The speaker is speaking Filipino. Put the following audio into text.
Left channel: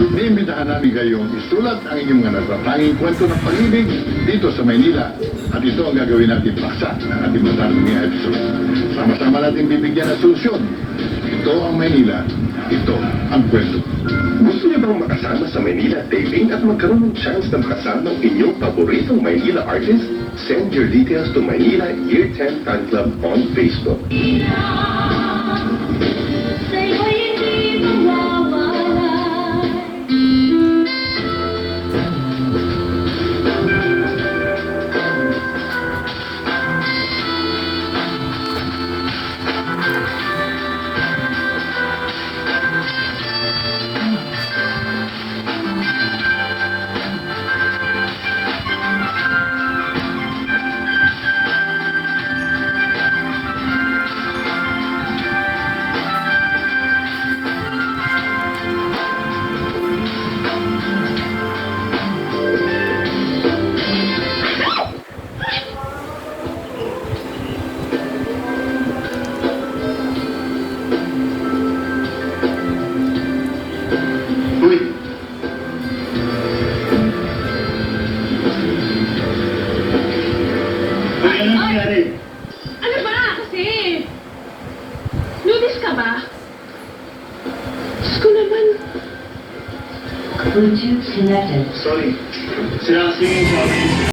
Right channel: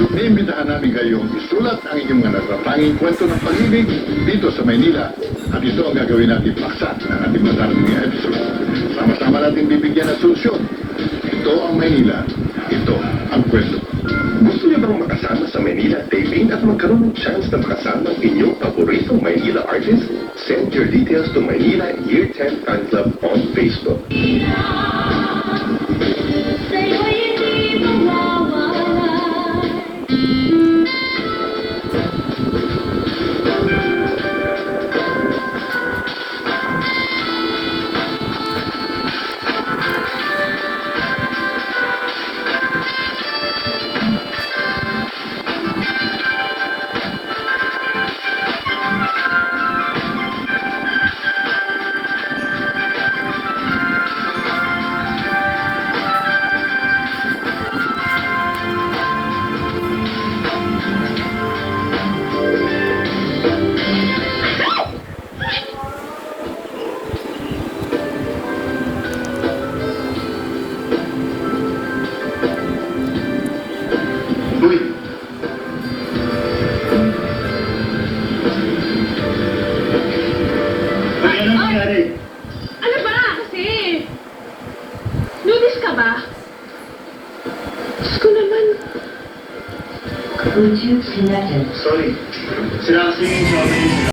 Iniimbitahan namin kayong isulat ang inyong mga natatanging kwento ng pag-ibig dito sa Maynila. At ito ang gagawin natin paksa ng ating matapos na episode. Sama-sama natin bibigyan ng solusyon. Ito ang Maynila. Ito ang kwento. Gusto niyo bang makasama sa Maynila taping at magkaroon ng chance na makasama ang inyong paboritong Maynila artist? Send your details to Maynila Year 10 Fan Club on Facebook. Uy! Bakit ano nangyari? Ano ba? Kasi, nudis ka ba? Diyos ko naman. Bluetooth connected. Sorry. Sila kasi yung